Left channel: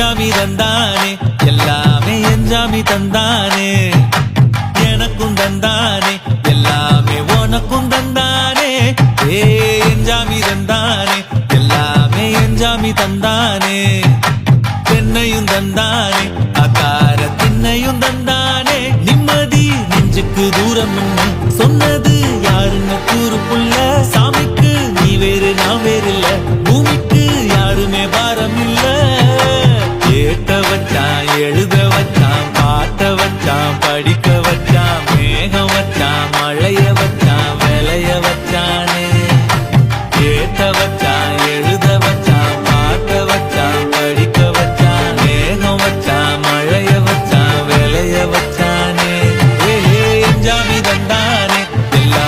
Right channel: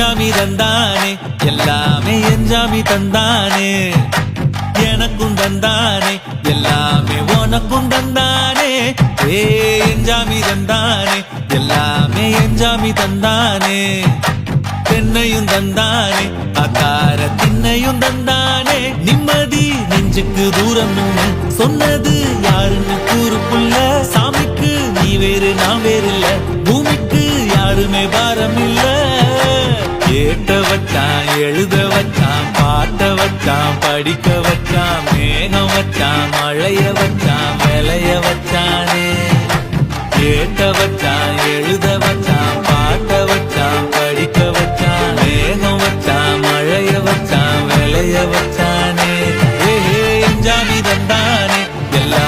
என்ஜாமி தந்தானே எல்லாமே என்ஜாமி தந்தானே எனக்கும் தந்தானே எல்லாமே உனக்கும் தந்தானே ஏ என்ஜாமி தந்தானே எல்லாமே என்ஜாமி தந்தானே தென்னையும் தந்தானே அக்கார திண்ணையும் தந்தானே நிம்மதி நெஞ்சுக்கு தூரம் சொன்னது யாருன்னு கூறு புள்ள சாமிக்கு நீ வேறு நான் வேறு இல்ல பூமிக்கு யாருமே பாரம் இல்ல ஏத்த வச்சான் எழுத வச்சான் பாட்ட வச்சான் படிக்க வச்சான் மேகம் வச்சான் மழைய வச்சான் விளைய வச்சானே ஏத்த வச்சான் எழுத வச்சான் பாட்ட வச்சான் படிக்க வச்சான் மேகம் வச்சான் மழைய வச்சான் விளைய வச்சானே ஏ என்ஜாமி தந்தானே எல்லா